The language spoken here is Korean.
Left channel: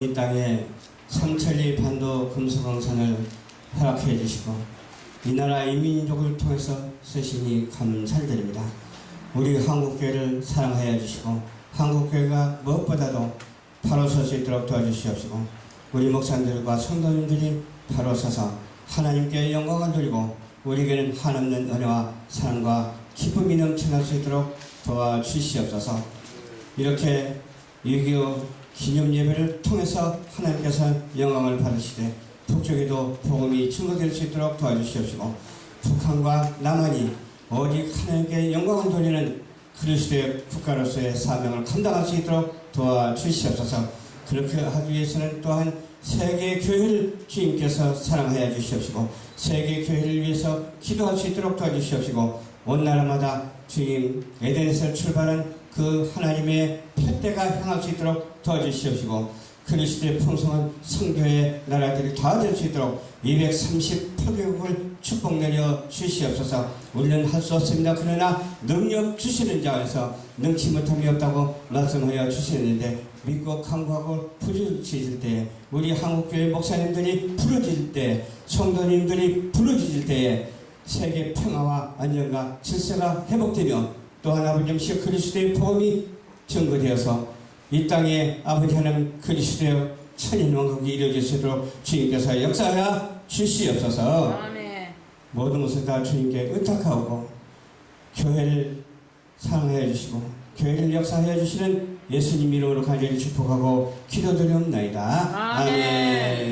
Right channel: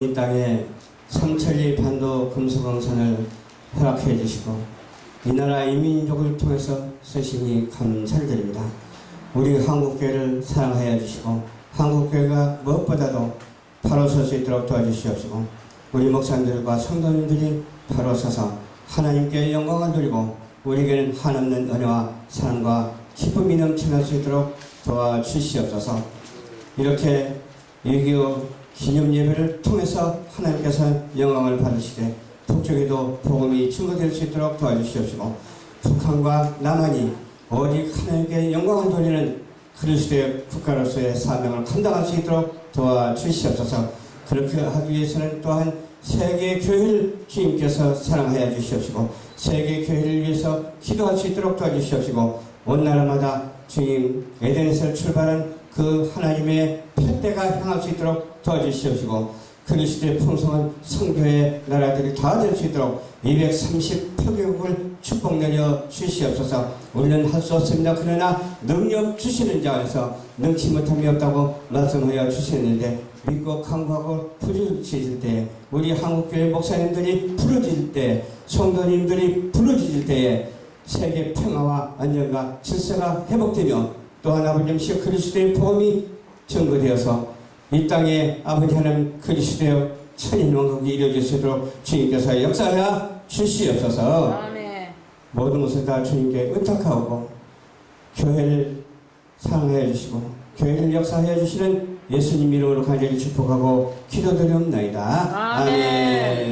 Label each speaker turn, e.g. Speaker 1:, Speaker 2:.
Speaker 1: 이 땅에 삼천리 반도 금수강산을 허락해 주시고 이 나라 이민족을 통해서 쓰시니 감사를 드립니다. 우리 한국교회를 사랑하여 주시고 한국교회가 무엇보다도 바로 설 수 있도록 도와주시옵시고 우리 목사님들과 성도님들이 바로 서서 하나님께 영광을 드리고 우리에게는 한없는 은혜와 사랑과 기쁨이 넘쳐날 수 있도록 도와주시옵소서 이렇게 6.25 기념 예배를 통해서 하나님께서 영광을 받으시되 북쪽에도 복음이 증거될 수 있도록 도와주시옵시고 북한과 남한이 오직 하나님께 영광을 돌리는 그리스도의 국가로서의 사명을 감당할 수 있도록 도와주시옵소서. 그렇게 하기 위해서는 또한 세계 교회를 주님께서 사랑하여 주시옵시고 세계 교회를 위해서 기도할 수 있도록 도와주시옵시고 온 나라마다 주님 에덴에서 출발한 그 하나님의 푯대가 향할 수 있도록 도와주시옵시고 그리스도의 풍성한 성교의 나라들이 다 될 수 있도록 238개국을 축복 내려 주시옵소서. 우리는 할 수 없습니다. 그러나 능력 주시는 자에서 능치 못함이 없다고 말씀하여 주셨는데 믿고 강구하고 부르짖을 때 우리 한국교회 목사님들이 부르짖을 때 성도님들이 부르짖을 때에 세계 평화와 안정과 질서가 회복되며 또한 아버지 시 그리스도의 복음이 증거되어서 이 땅에 아버지 하나님 그리스도의 천인 왕국이 이루어질 수 있도록 주님께서 역사하여 주시옵소서
Speaker 2: 아멘.
Speaker 1: 모든 것을 다 주님께 의탁하고 교회를 사랑하여 주시고 교회를 역사하여 주시는 예수님 이름으로 간절히 축복하고 기도드리옵나이다
Speaker 2: 아멘.
Speaker 1: 아멘.